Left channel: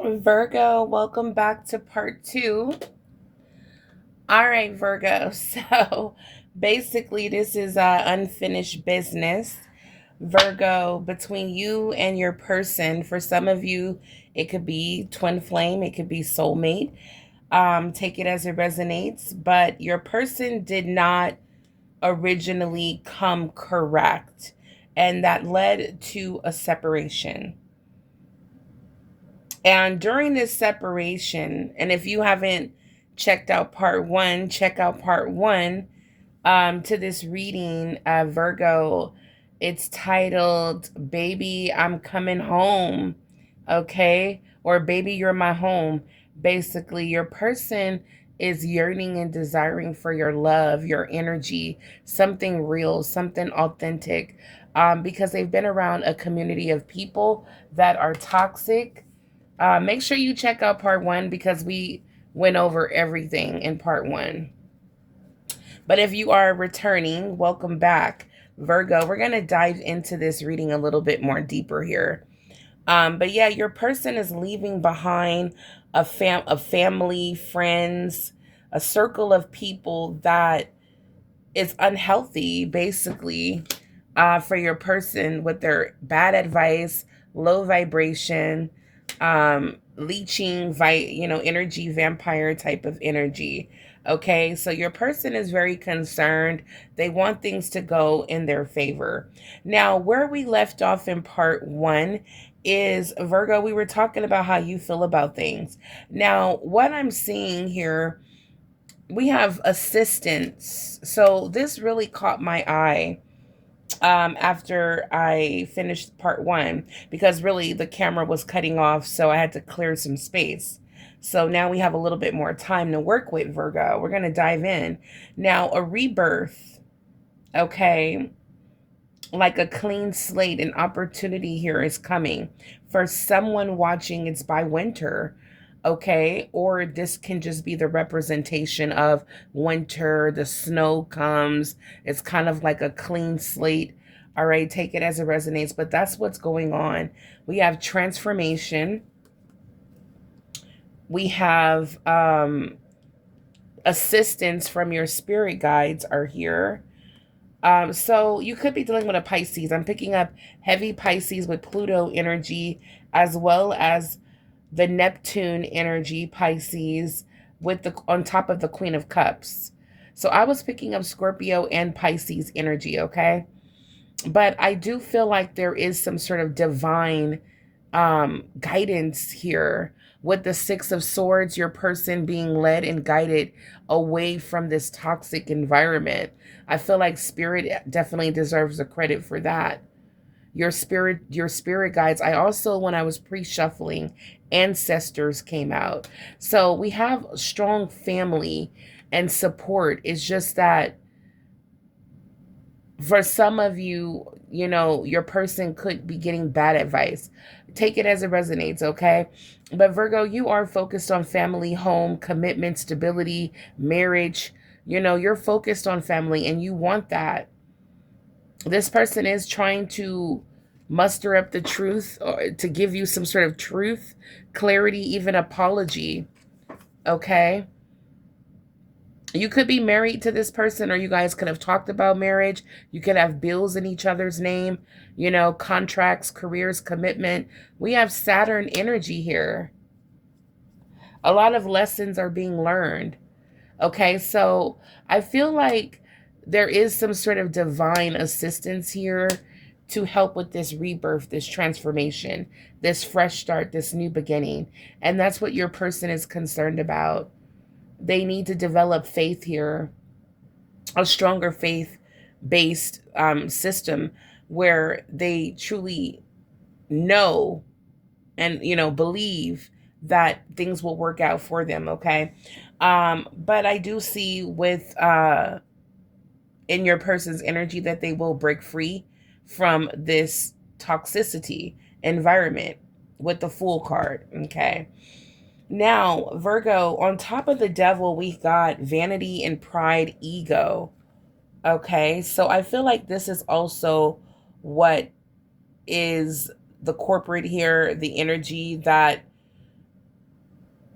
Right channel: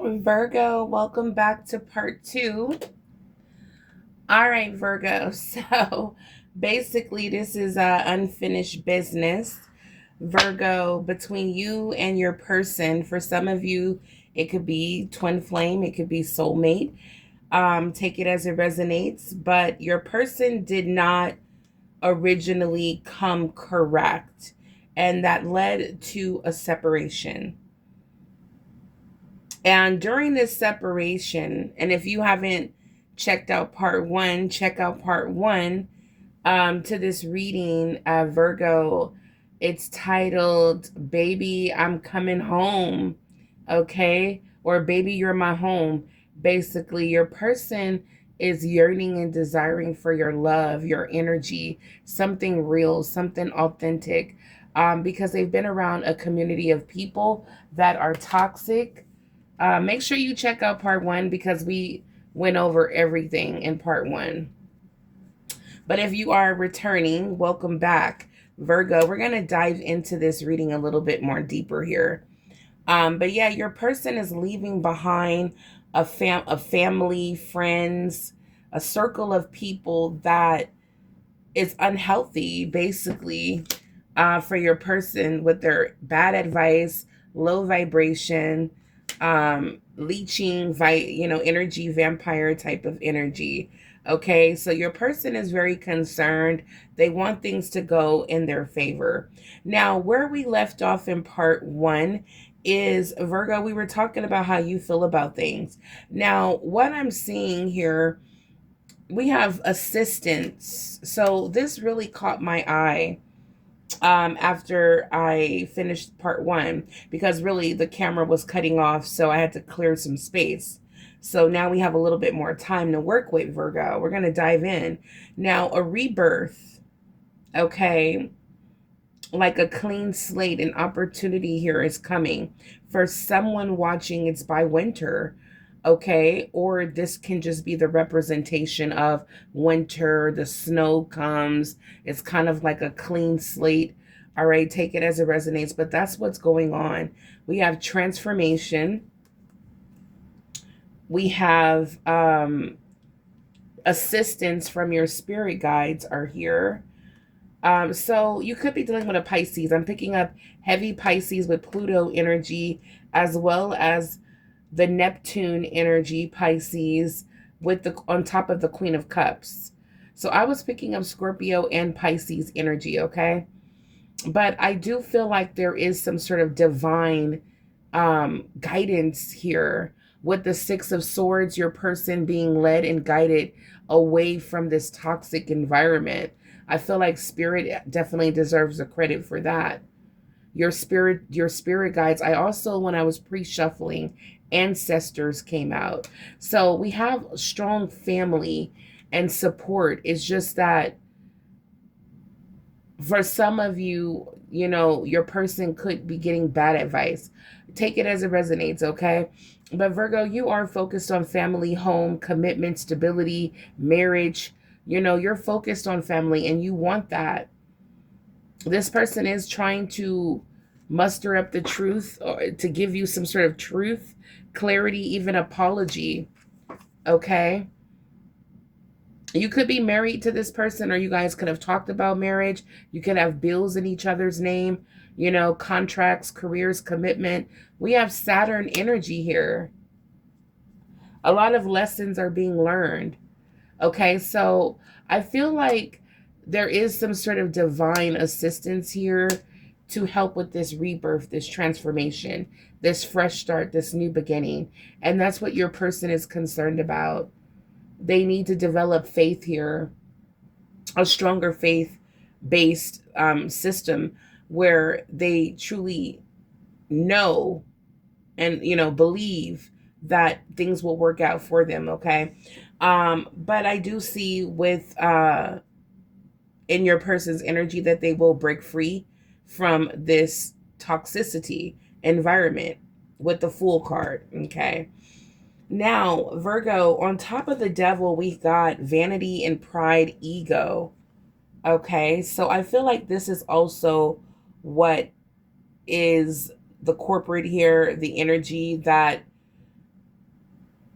Virgo, welcome back to part two. All right, Virgo. So basically, this is unfinished business. Virgo, between you and your person, for some of you, it could be twin flame, it could be soulmate. Take it as it resonates, but your person did not originally come correct, and that led to a separation. And during this separation, and if you haven't checked out part one, check out part one to this reading, Virgo. It's titled Baby, I'm Coming Home. Okay? Or Baby, You're My Home. Basically, your person is yearning and desiring for your love, your energy, something real, something authentic, because they've been around a community of people that are toxic. Make sure you check out part one because we went over everything in part one. But if you are returning, welcome back, Virgo. We're going to dive into this reading a little bit more deeper here. But yeah, your person is leaving behind a family, friends, a circle of people that is unhealthy, basically, for your person with their bad advice, low vibration, leeching, energy vampire type of energy. Okay, so your person is very concerned. They want things to go in their favor. Now, where we left off in part one is Virgo, we were talking about how you feel about things. Now, what I'm seeing here, we have assistance. So this really caught my eye after I finished part one, because really the camera was cutting off, so I had to clear some space. So now we have a little bit more time to work with, Virgo. We're going to dive in. Now, a rebirth, okay, like a clean slate, an opportunity here is coming. For someone watching, it's by winter, okay? Or this can just be the representation of winter, the snow comes, it's kind of like a clean slate. All right, take it as it resonates, but that's what's going on. We have transformation. We have assistance from your spirit guides are here. So you could be dealing with a Pisces. I'm picking up heavy Pisces with Pluto energy, as well as the Neptune energy, Pisces, with the on top of the Queen of Cups. So I was picking up Scorpio and Pisces energy, okay? But I do feel like there is some sort of divine guidance here with the Six of Swords, your person being led and guided away from this toxic environment. I feel like spirit definitely deserves the credit for that. Your spirit guides. I also, when I was pre-shuffling, ancestors came out. So we have strong family and support. It's just that for some of you, your person could be getting bad advice. Take it as it resonates, okay? But Virgo, you are focused on family, home, commitment, stability, marriage. You're focused on family and you want that. This person is trying to muster up the truth, or to give you some sort of truth, clarity, even apology, okay? You could be married to this person, or you guys could have talked about marriage. You could have bills in each other's name, contracts, careers, commitment. We have Saturn energy here. A lot of lessons are being learned. Okay, so I feel like there is some sort of divine assistance here to help with this rebirth, this transformation, this fresh start, this new beginning. And that's what your person is concerned about. They need to develop faith here, a stronger faith based system where they truly know and believe that things will work out for them. Okay, but I do see with in your person's energy that they will break free from this toxicity environment with the Fool card. Okay, now, Virgo, on top of the devil, we've got vanity and pride, ego. Okay, so I feel like this is also what is the corporate here, the energy that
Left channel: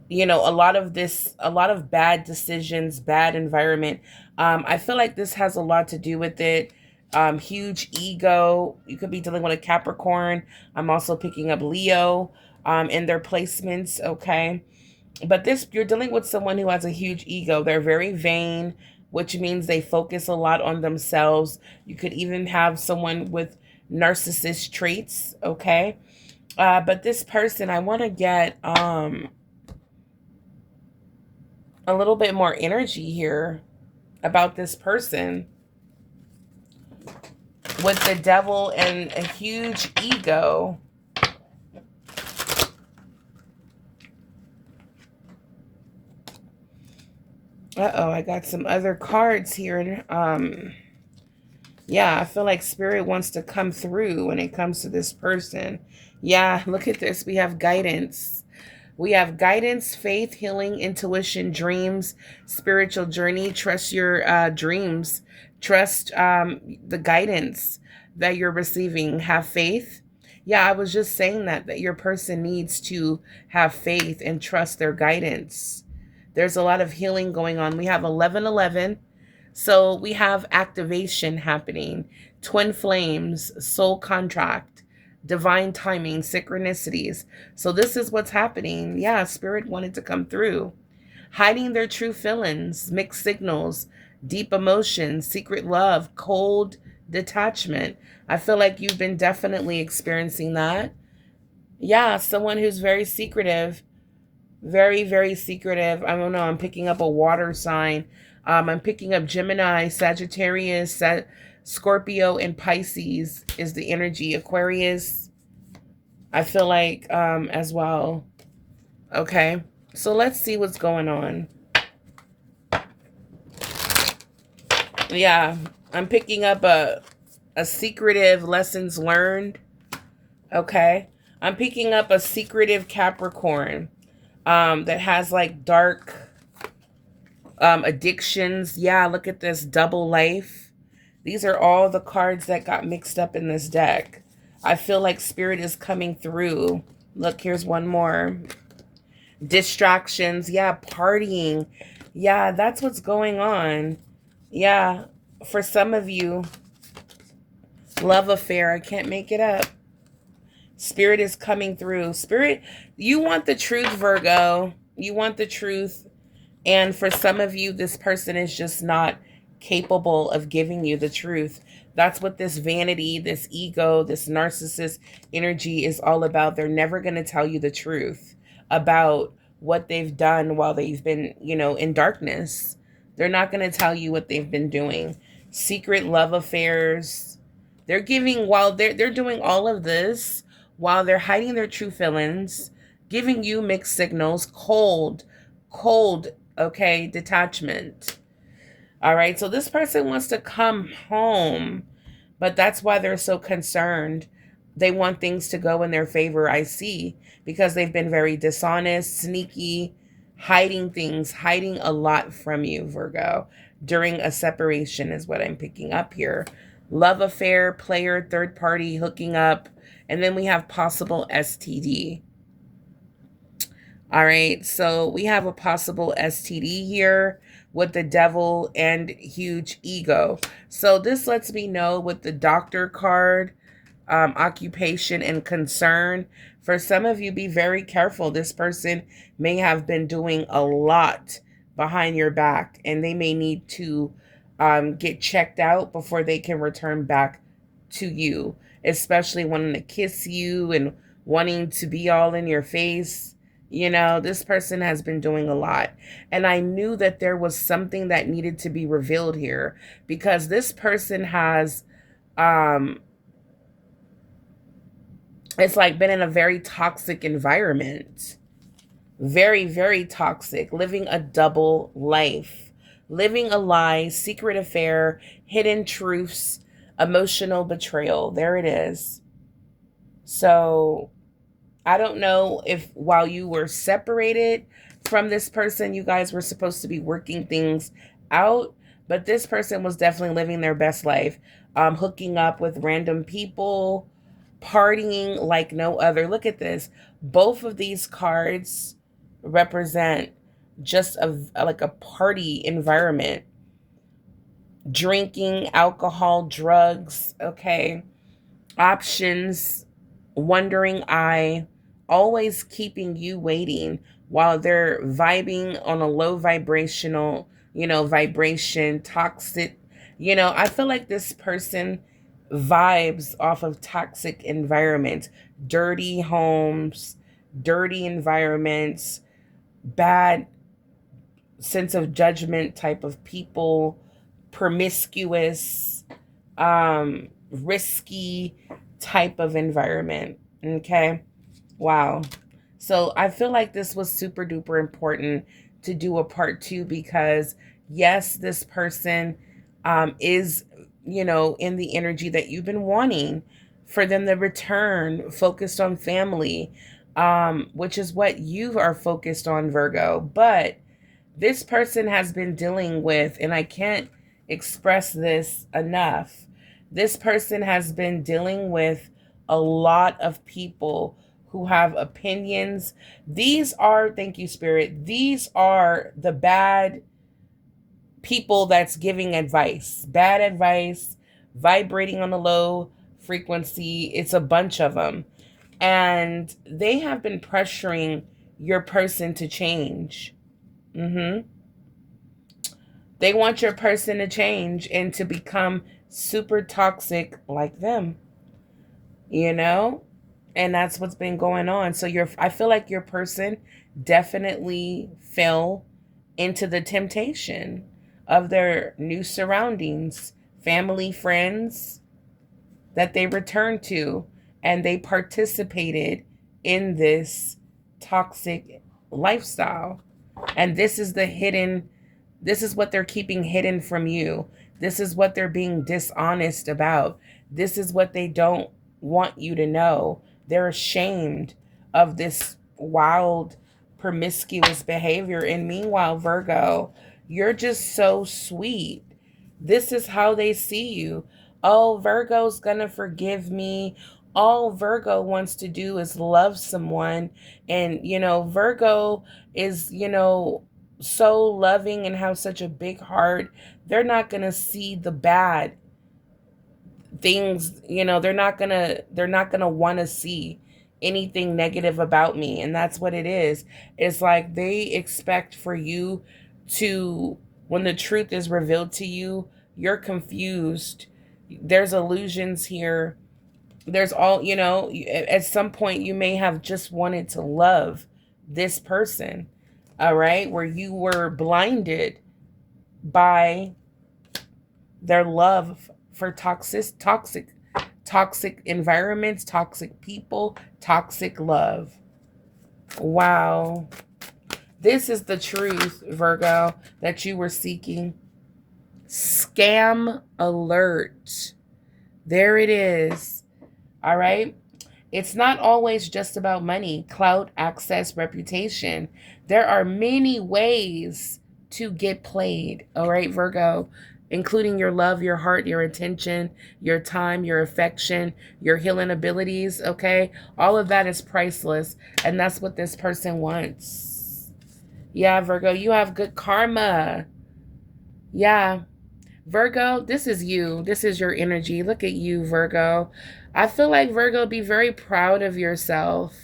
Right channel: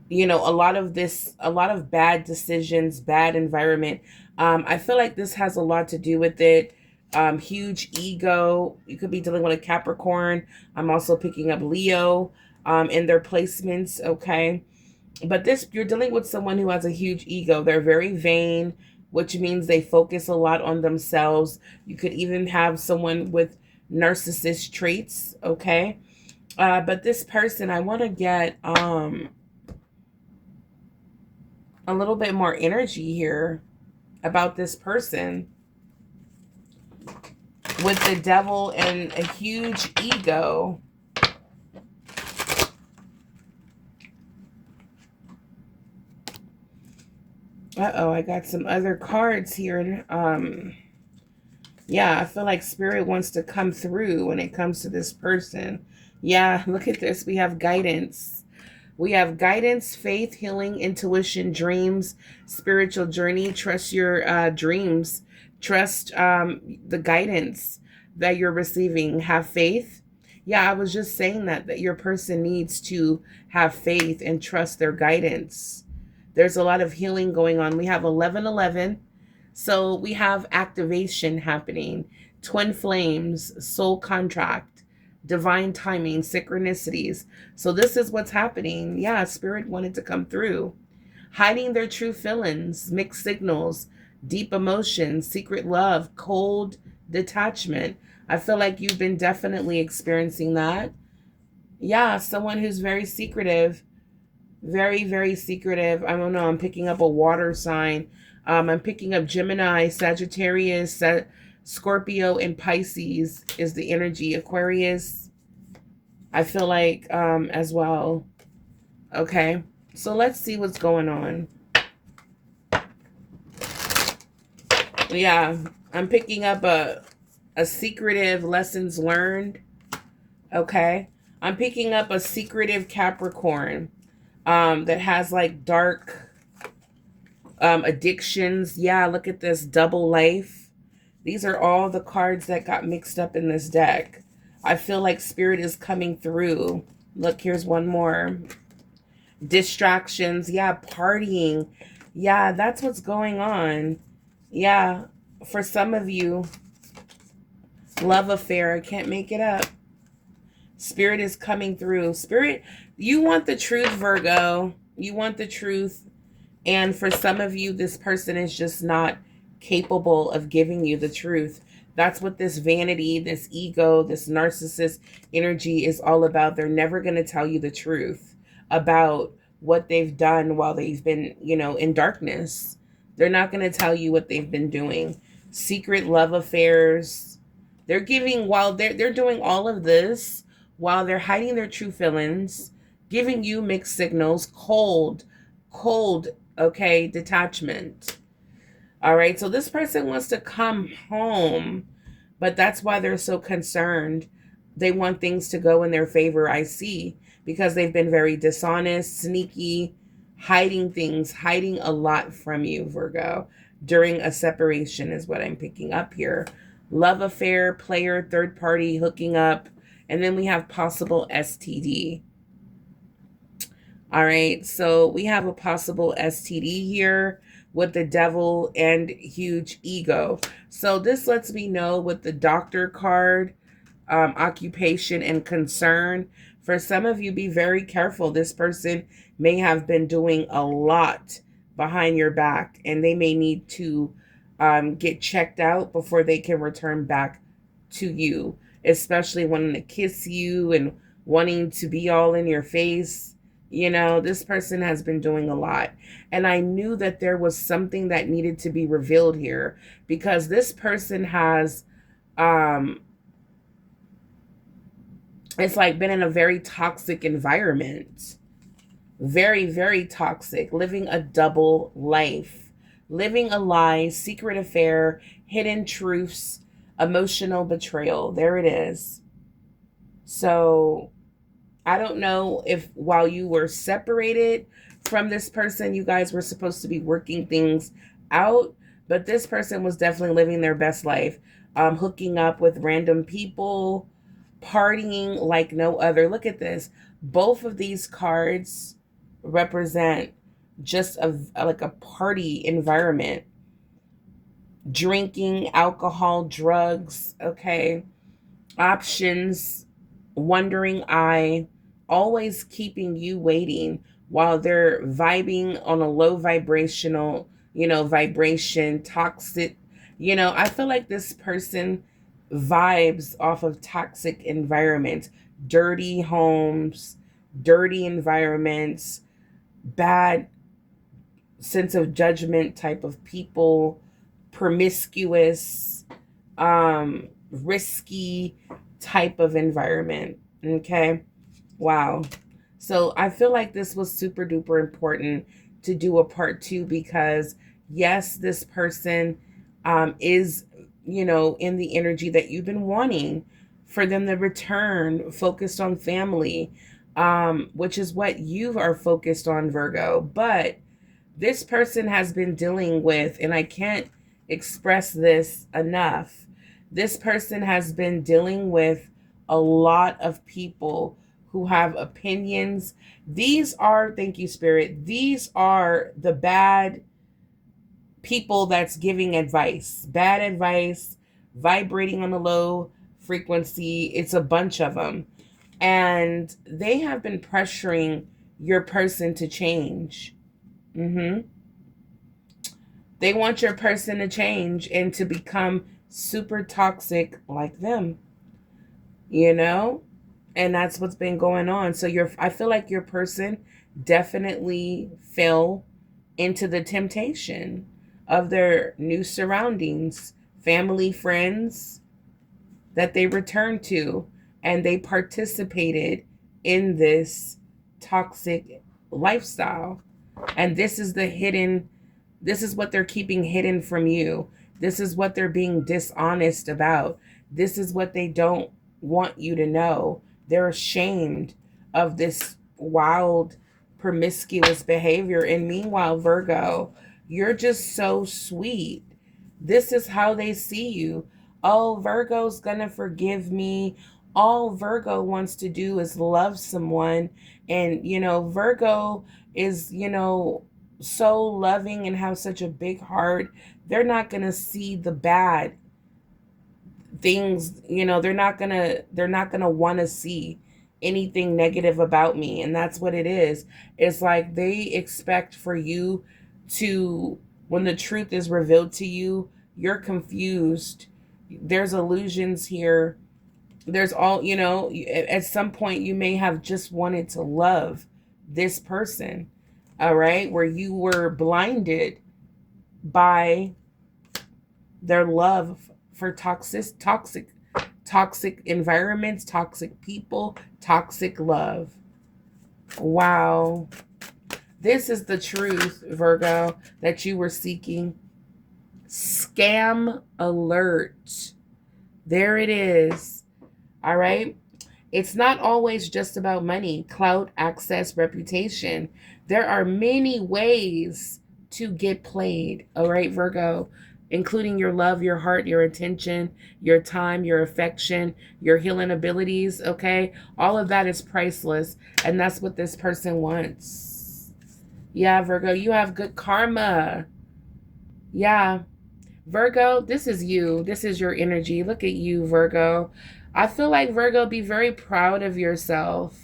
you know, a lot of bad decisions, bad environment. I feel like this has a lot to do with it. Huge ego. You could be dealing with a Capricorn. I'm also picking up Leo in their placements, okay? But this, you're dealing with someone who has a huge ego. They're very vain, which means they focus a lot on themselves. You could even have someone with narcissist traits, okay? But this person, I want to get a little bit more energy here about this person with the devil and a huge ego. Uh-oh, I got some other cards here. Yeah, I feel like spirit wants to come through when it comes to this person. Yeah, look at this. We have guidance. We have guidance, faith, healing, intuition, dreams, spiritual journey. Trust your dreams. Trust the guidance that you're receiving. Have faith. Yeah, I was just saying that your person needs to have faith and trust their guidance. There's a lot of healing going on. We have 1111. So we have activation happening, twin flames, soul contract, divine timing, synchronicities. So this is what's happening. Yeah, spirit wanted to come through. Hiding their true feelings, mixed signals, deep emotions, secret love, cold detachment. I feel like you've been definitely experiencing that. Yeah, someone who's very secretive, very, very secretive. I don't know. I'm picking up a water sign. I'm picking up Gemini, Sagittarius, Scorpio, and Pisces is the energy. Aquarius, I feel like as well. Okay, so let's see what's going on. Yeah, I'm picking up a secretive lessons learned. Okay, I'm picking up a secretive Capricorn that has like dark addictions. Yeah, look at this double life. These are all the cards that got mixed up in this deck. I feel like spirit is coming through. Look, here's one more. Distractions. Yeah, partying. Yeah, that's what's going on. Yeah, for some of you, love affair. I can't make it up. Spirit is coming through. Spirit, you want the truth, Virgo. You want the truth. And for some of you, this person is just not capable of giving you the truth. That's what this vanity, this ego, this narcissist energy is all about. They're never going to tell you the truth about what they've done while they've been, you know, in darkness. They're not going to tell you what they've been doing. Secret love affairs. They're giving, while they're doing all of this, while they're hiding their true feelings, giving you mixed signals, cold, okay, detachment. All right, so this person wants to come home, but that's why they're so concerned. They want things to go in their favor, I see, because they've been very dishonest, sneaky, hiding things, hiding a lot from you, Virgo, during a separation is what I'm picking up here. Love affair, player, third party, hooking up, and then we have possible STD. All right, so we have a possible STD here with the devil and huge ego. So this lets me know with the doctor card, occupation and concern. For some of you, be very careful. This person may have been doing a lot behind your back, and they may need to get checked out before they can return back to you, especially wanting to kiss you and wanting to be all in your face. You know, this person has been doing a lot. And I knew that there was something that needed to be revealed here, because this person has, it's like been in a very toxic environment. Very, very toxic. Living a double life. Living a lie, secret affair, hidden truths, emotional betrayal. There it is. So I don't know if while you were separated from this person, you guys were supposed to be working things out, but this person was definitely living their best life, hooking up with random people, partying like no other. Look at this. Both of these cards represent just like a party environment, drinking, alcohol, drugs, okay, options, wandering eye, always keeping you waiting while they're vibing on a low vibrational, vibration, toxic. I feel like this person vibes off of toxic environments, dirty homes, dirty environments, bad sense of judgment type of people, promiscuous, risky type of environment. Okay. Wow. So I feel like this was super duper important to do a part 2 because yes, this person is, in the energy that you've been wanting for them to return, focused on family, which is what you are focused on, Virgo. But this person has been dealing with, and I can't express this enough, this person has been dealing with a lot of people who have opinions. These are, thank you, Spirit, these are the bad people that's giving advice, bad advice, vibrating on a low frequency. It's a bunch of them. And they have been pressuring your person to change. They want your person to change and to become super toxic like them, and that's what's been going on. So I feel like your person definitely fell into the temptation of their new surroundings, family, friends that they returned to, and they participated in this toxic lifestyle. And this is what they're keeping hidden from you. This is what they're being dishonest about. This is what they don't want you to know. They're ashamed of this wild, promiscuous behavior. And meanwhile, Virgo, you're just so sweet. This is how they see you. Oh, Virgo's gonna forgive me. All Virgo wants to do is love someone. And, Virgo is, so loving and have such a big heart. They're not going to see the bad things, they're not going to want to see anything negative about me. And that's what it is. It's like they expect for you to, when the truth is revealed to you, you're confused. There's illusions here. There's all, at some point you may have just wanted to love this person. All right, where you were blinded by their love for toxic environments, toxic people, toxic love. Wow. This is the truth, Virgo, that you were seeking. Scam alert. There it is. All right. It's not always just about money, clout, access, reputation. There are many ways to get played, all right, Virgo, including your love, your heart, your attention, your time, your affection, your healing abilities, okay? All of that is priceless, and that's what this person wants. Yeah, Virgo, you have good karma. Yeah. Virgo, this is you. This is your energy. Look at you, Virgo. I feel like, Virgo, be very proud of yourself.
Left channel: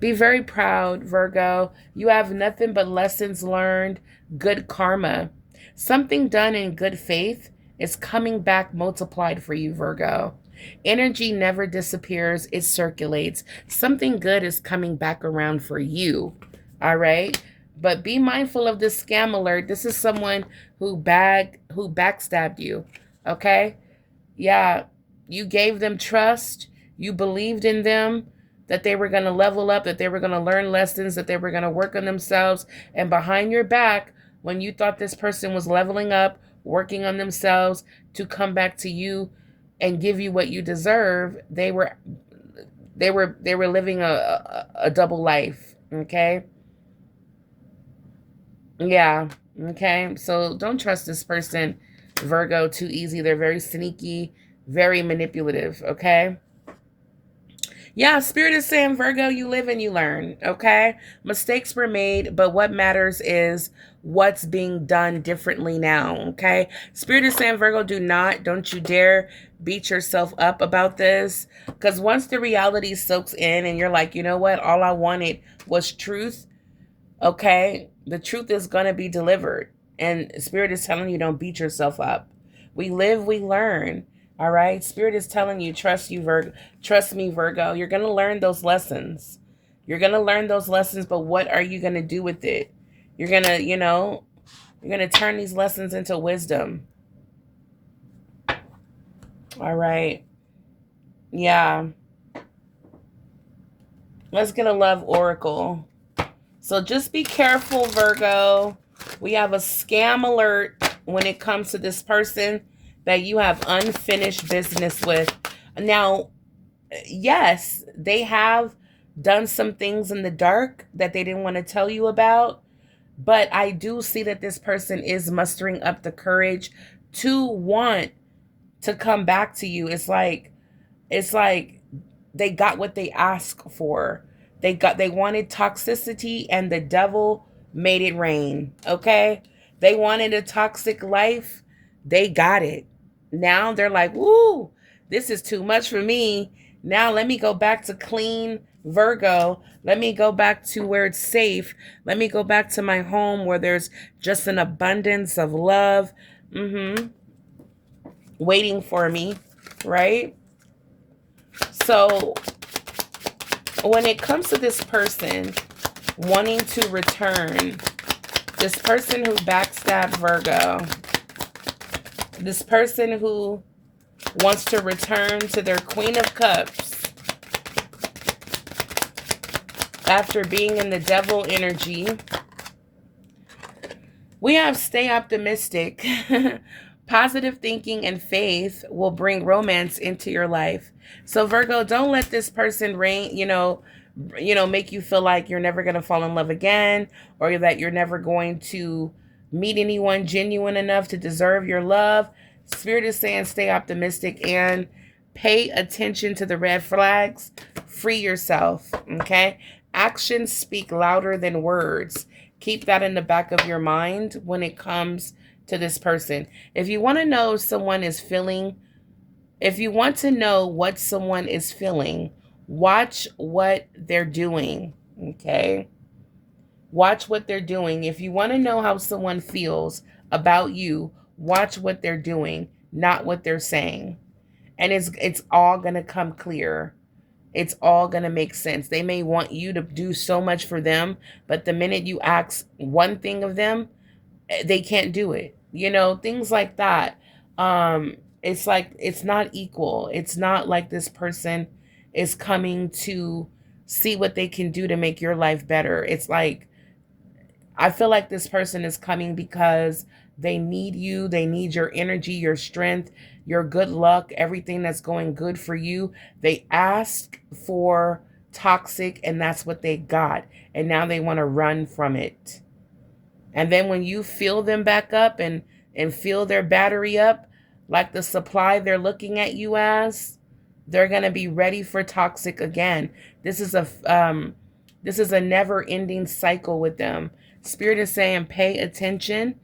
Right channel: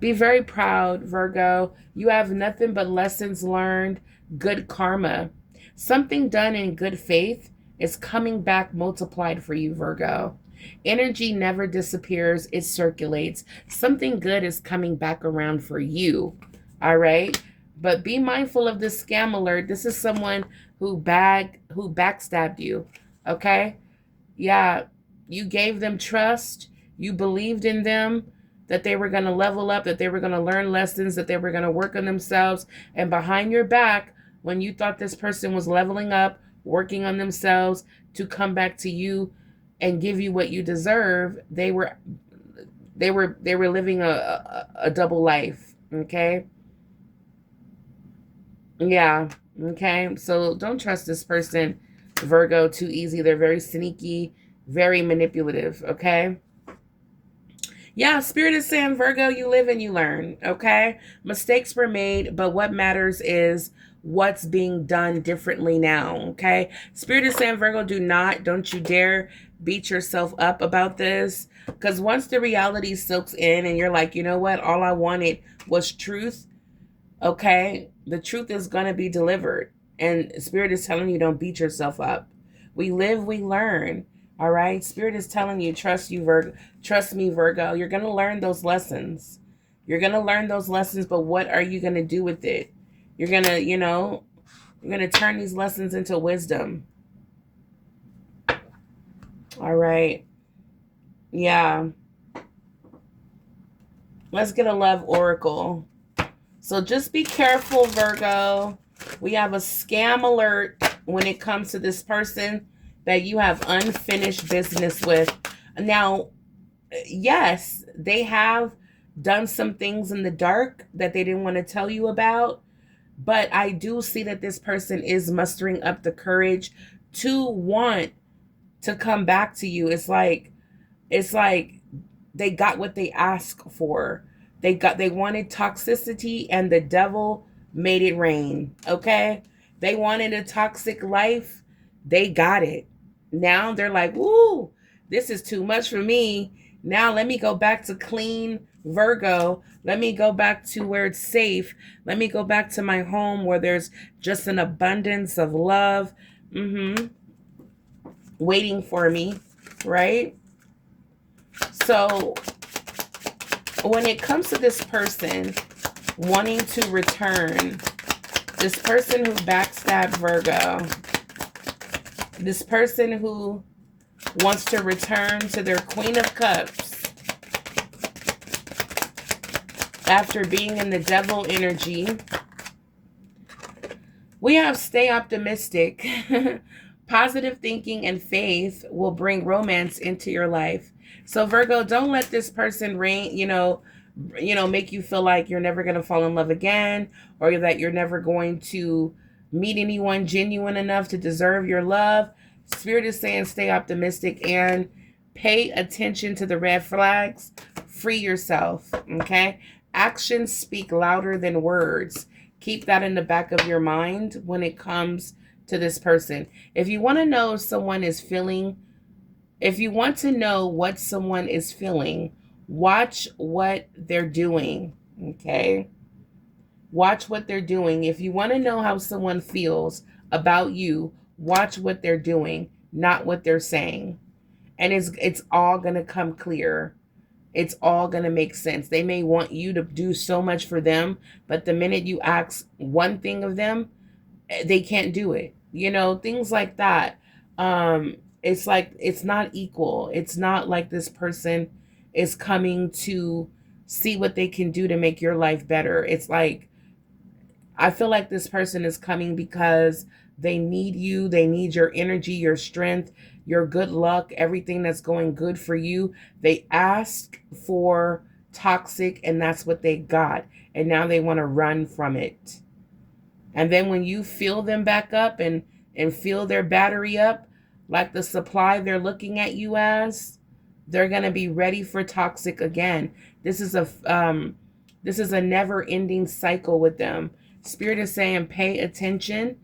Be very proud, Virgo. You have nothing but lessons learned, good karma. Something done in good faith is coming back multiplied for you, Virgo. Energy never disappears. It circulates. Something good is coming back around for you. All right? But be mindful of this scam alert. This is someone who backstabbed you. Okay? Yeah. You gave them trust. You believed in them, that they were going to level up, that they were going to learn lessons, that they were going to work on themselves. And behind your back, when you thought this person was leveling up, working on themselves to come back to you and give you what you deserve, they were living a double life. Okay? Yeah. Okay? So don't trust this person, Virgo, too easy. They're very sneaky, very manipulative, okay? Yeah, Spirit is saying, Virgo, you live and you learn, okay? Mistakes were made, but what matters is what's being done differently now, okay? Spirit is saying, Virgo, don't you dare beat yourself up about this. Because once the reality soaks in and you're like, you know what? All I wanted was truth, okay? The truth is going to be delivered. And Spirit is telling you, don't beat yourself up. We live, we learn. All right. Spirit is telling you, trust me, Virgo. You're going to learn those lessons. You're going to learn those lessons, but what are you going to do with it? You're going to, you're going to turn these lessons into wisdom. All right. Yeah. Let's get a love oracle. So just be careful, Virgo. We have a scam alert when it comes to this person that you have unfinished business with. Now, yes, they have done some things in the dark that they didn't want to tell you about, but I do see that this person is mustering up the courage to want to come back to you. It's like they got what they asked for. They wanted toxicity and the devil made it rain, okay? They wanted a toxic life. They got it. Now they're like, "Woo, this is too much for me. Now let me go back to clean Virgo. Let me go back to where it's safe. Let me go back to my home where there's just an abundance of love waiting for me," right? So when it comes to this person wanting to return, this person who backstabbed Virgo, this person who wants to return to their Queen of Cups after being in the devil energy, we have stay optimistic. Positive thinking and faith will bring romance into your life. So Virgo, don't let this person make you feel like you're never going to fall in love again, or that you're never going to meet anyone genuine enough to deserve your love. Spirit is saying stay optimistic and pay attention to the red flags. Free yourself, okay? Actions speak louder than words. Keep that in the back of your mind when it comes to this person. If you want to know what someone is feeling, watch what they're doing, okay? Watch what they're doing. If you want to know how someone feels about you, watch what they're doing, not what they're saying. And it's all going to come clear. It's all going to make sense. They may want you to do so much for them, but the minute you ask one thing of them, they can't do it. Things like that. It's like it's not equal. It's not like this person is coming to see what they can do to make your life better. It's like I feel like this person is coming because they need you. They need your energy, your strength, your good luck, everything that's going good for you. They asked for toxic and that's what they got. And now they want to run from it. And then when you fill them back up and fill their battery up, like the supply they're looking at you as, they're going to be ready for toxic again. This is a never-ending cycle with them. Spirit is saying pay attention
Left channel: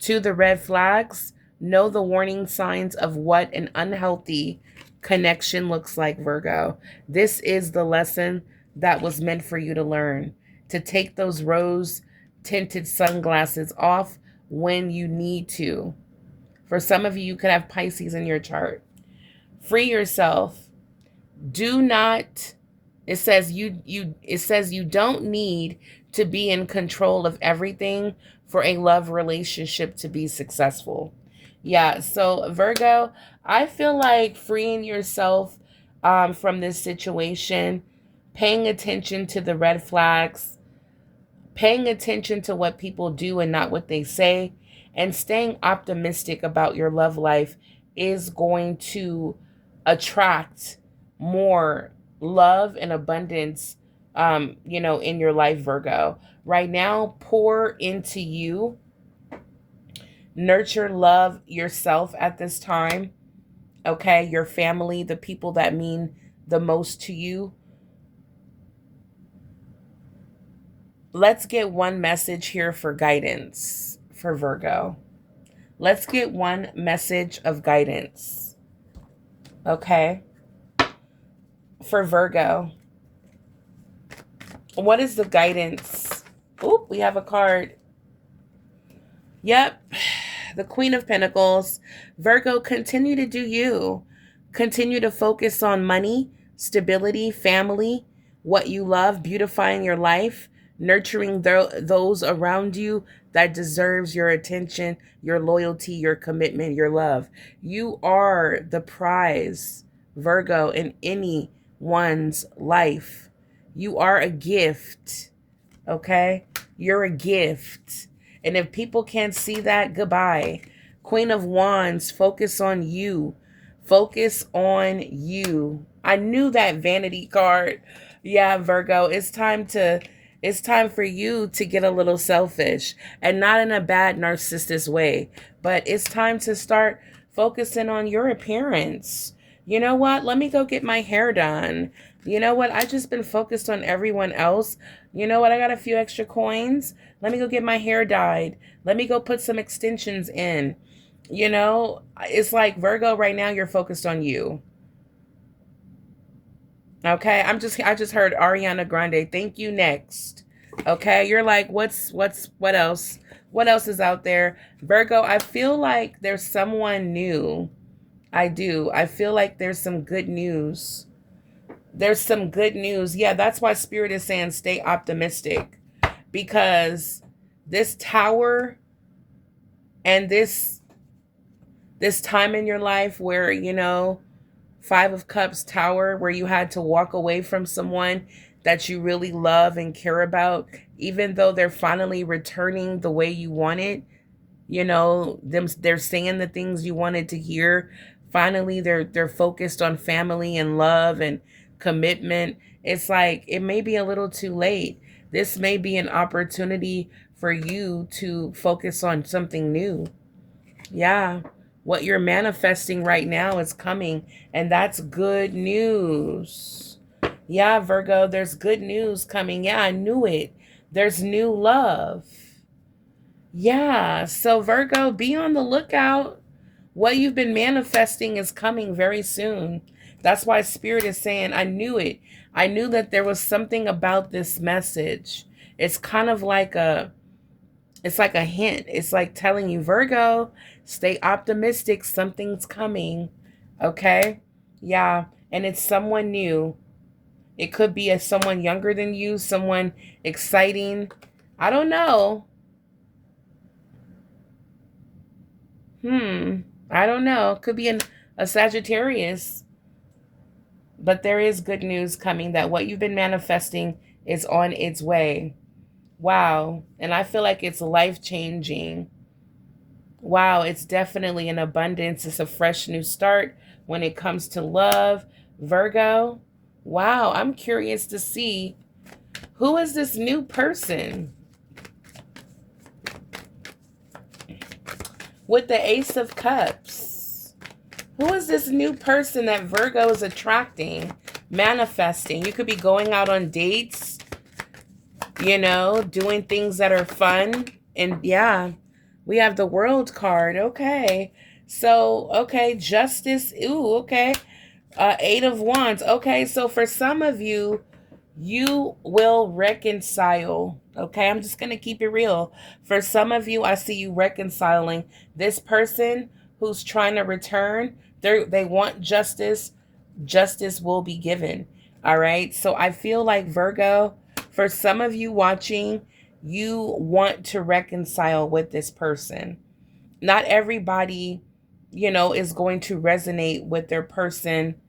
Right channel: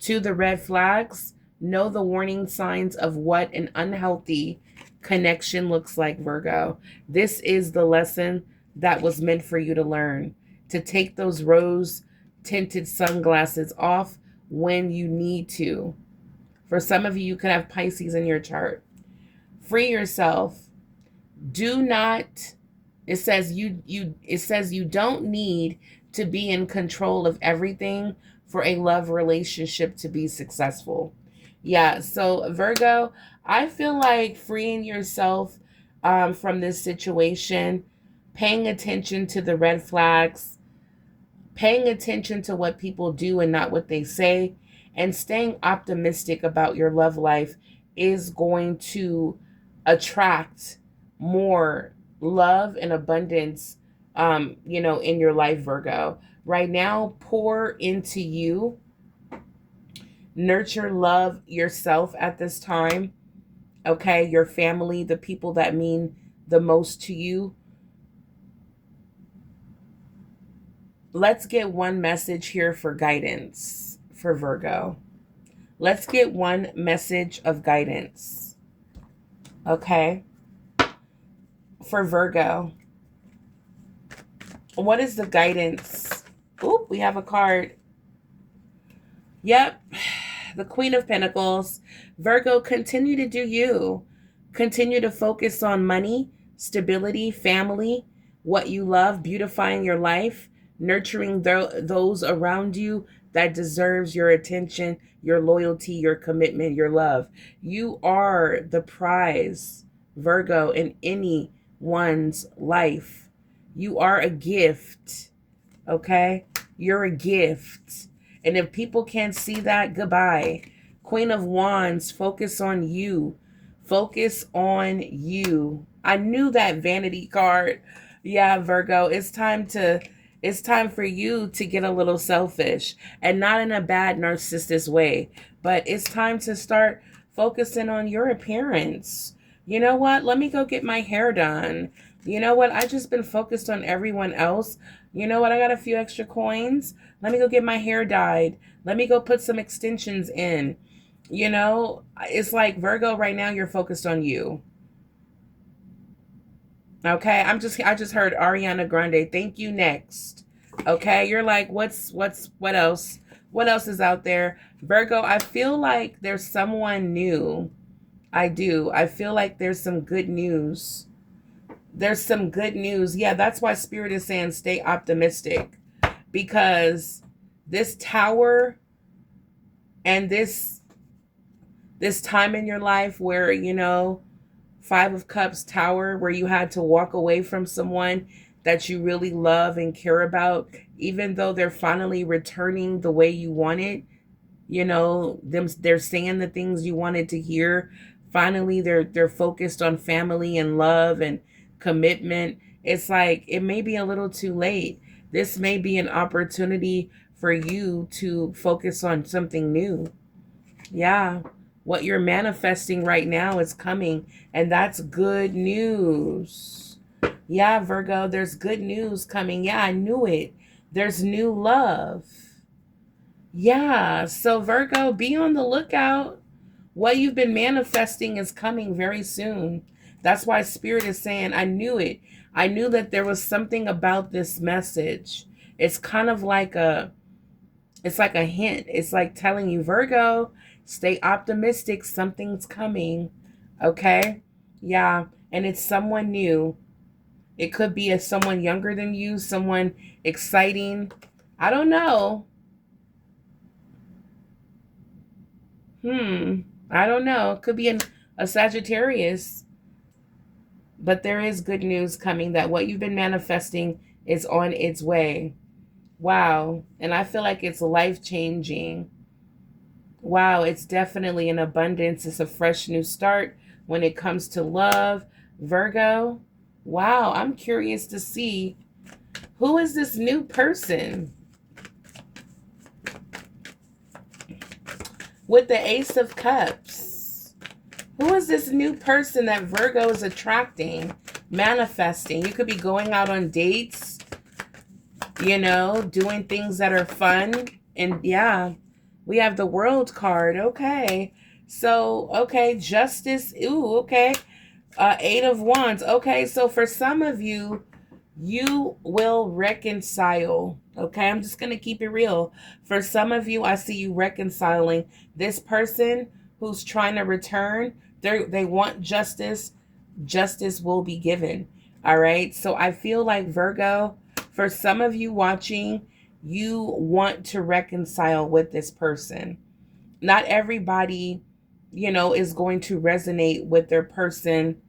to the red flags. Know the warning signs of what an unhealthy connection looks like, Virgo. This is the lesson that was meant for you to learn. To take those rose-tinted sunglasses off when you need to. For some of you, you could have Pisces in your chart. Free yourself. Do not, it says you don't need to be in control of everything for a love relationship to be successful. Yeah, so Virgo, I feel like freeing yourself from this situation, paying attention to the red flags, paying attention to what people do and not what they say, and staying optimistic about your love life is going to attract more love and abundance, in your life, Virgo. Right now, pour into you. Nurture, love yourself at this time. Okay, your family, the people that mean the most to you. Let's get one message here for guidance for Virgo. Let's get one message of guidance. Okay. For Virgo. What is the guidance? Oop, we have a card. Yep. The Queen of Pentacles. Virgo, continue to do you. Continue to focus on money, stability, family, what you love, beautifying your life, nurturing those around you that deserves your attention, your loyalty, your commitment, your love. You are the prize, Virgo, in anyone's life. You are a gift, okay? You're a gift. And if people can't see that, goodbye. Queen of Wands, focus on you. Focus on you. I knew that vanity card. Yeah, Virgo, it's time for you to get a little selfish, and not in a bad narcissist way, but it's time to start focusing on your appearance. You know what? Let me go get my hair done. You know what? I just been focused on everyone else. You know what? I got a few extra coins. Let me go get my hair dyed. Let me go put some extensions in. You know, it's like Virgo right now, you're focused on you. Okay, I just heard Ariana Grande. Thank you, next. Okay, you're like, what else? What else is out there? Virgo, I feel like there's someone new. I do. I feel like there's some good news. There's some good news. Yeah, that's why Spirit is saying stay optimistic, because this Tower and this time in your life where, you know, Five of Cups, Tower, where you had to walk away from someone that you really love and care about, even though they're finally returning the way you wanted, you know, they're saying the things you wanted to hear. Finally, they're focused on family and love and commitment. It's like, it may be a little too late. This may be an opportunity for you to focus on something new. Yeah. What you're manifesting right now is coming, and that's good news. Yeah, Virgo, there's good news coming. Yeah, I knew it. There's new love. Yeah, so Virgo, be on the lookout. What you've been manifesting is coming very soon. That's why Spirit is saying, I knew it. I knew that there was something about this message. It's kind of like it's like a hint. It's like telling you, Virgo, stay optimistic. Something's coming. Okay? Yeah. And it's someone new. It could be someone younger than you, someone exciting. I don't know. I don't know. Could be a Sagittarius. But there is good news coming, that what you've been manifesting is on its way. Wow. And I feel like it's life-changing. Wow, it's definitely an abundance. It's a fresh new start when it comes to love. Virgo, wow, I'm curious to see, who is this new person? With the Ace of Cups. Who is this new person that Virgo is attracting, manifesting? You could be going out on dates, you know, doing things that are fun. And yeah, we have the World card. Okay. So, okay, Justice. Ooh, okay. Eight of Wands. Okay, so for some of you, you will reconcile. Okay, I'm just going to keep it real. For some of you, I see you reconciling. This person who's trying to return, they want justice. Justice will be given. All right, so I feel like, Virgo, for some of you watching, you want to reconcile with this person. Not everybody, you know, is going to resonate with their person,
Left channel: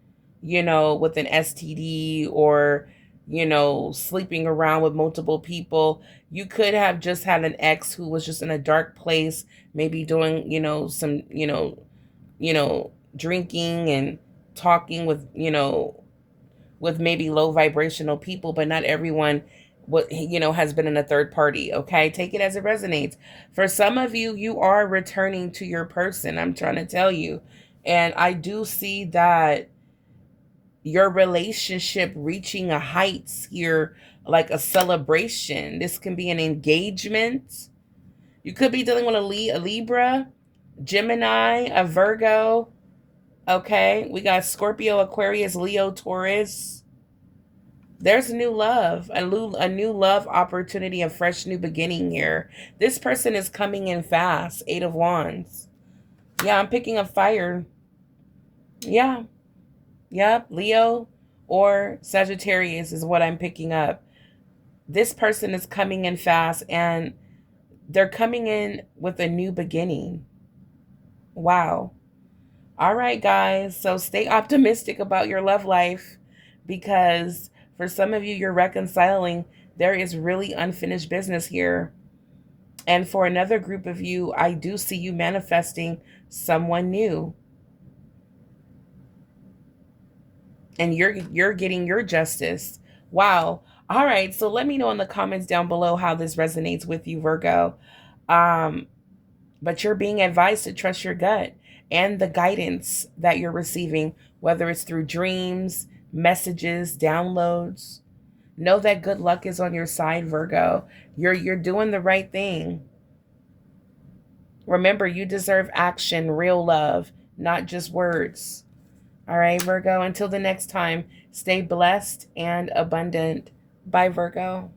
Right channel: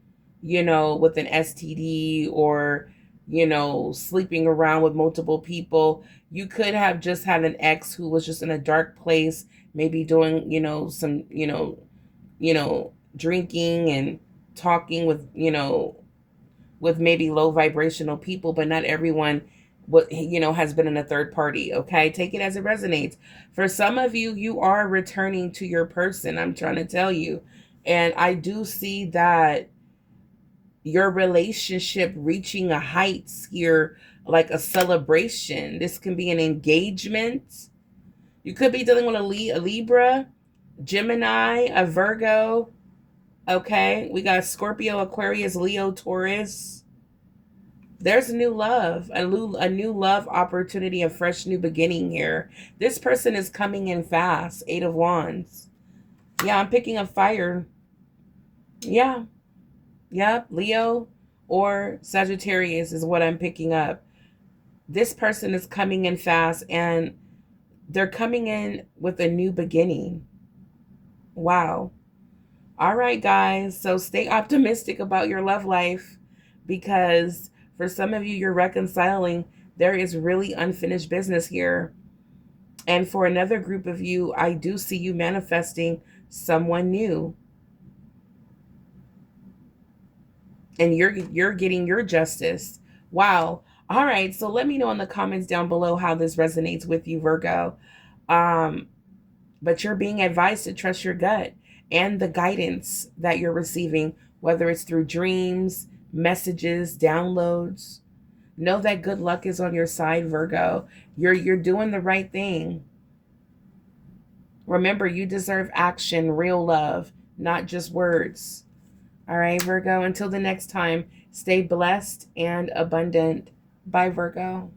you know, with an STD or, you know, sleeping around with multiple people. You could have just had an ex who was just in a dark place, maybe doing, you know, some, you know, drinking and talking with, you know, with maybe low vibrational people, but not everyone, what, you know, has been in a third party. Okay, take it as it resonates. For some of you, you are returning to your person, I'm trying to tell you. And I do see that your relationship reaching a heights here, like a celebration. This can be an engagement. You could be dealing with a Libra, Gemini, a Virgo. Okay, we got Scorpio, Aquarius, Leo, Taurus. There's new love, a new love opportunity, a fresh new beginning here. This person is coming in fast. 8 of Wands. Yeah, I'm picking up fire. Yeah. Yep, Leo or Sagittarius is what I'm picking up. This person is coming in fast, and they're coming in with a new beginning. Wow. All right, guys. So stay optimistic about your love life, because for some of you, you're reconciling. There is really unfinished business here. And for another group of you, I do see you manifesting someone new. And you're getting your justice. Wow. All right. So let me know in the comments down below how this resonates with you, Virgo. But you're being advised to trust your gut and the guidance that you're receiving, whether it's through dreams, messages, downloads. Know that good luck is on your side, Virgo. You're doing the right thing. Remember, you deserve action, real love, not just words. All right, Virgo, until the next time, stay blessed and abundant. Bye, Virgo.